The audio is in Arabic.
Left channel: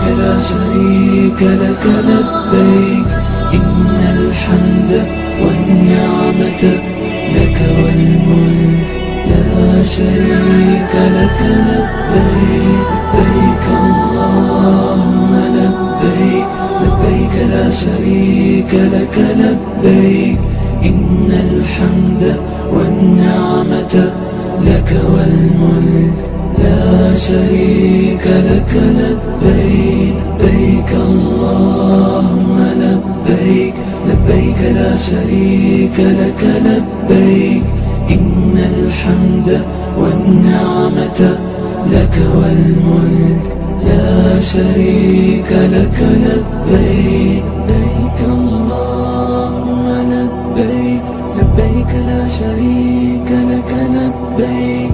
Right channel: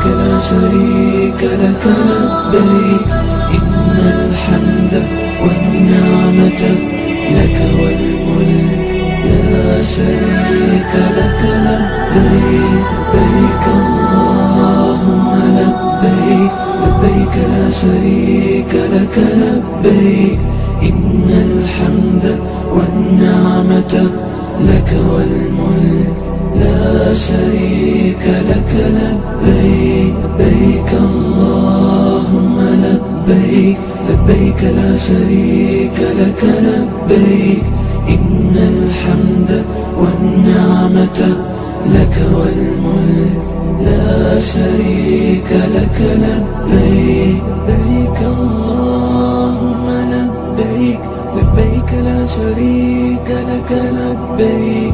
لبيك لا شريك لك لبيك إن الحمد والنعمة لك والملك لا شريك لك لبيك لبيك اللهم لبيك لبيك لا شريك لك لبيك إن الحمد والنعمة لك والملك لا شريك لك لبيك لبيك اللهم لبيك لبيك لا شريك لك لبيك إن الحمد والنعمة لك والملك لا شريك لك لبيك لبيك اللهم لبيك لبيك لا شريك لك لبيك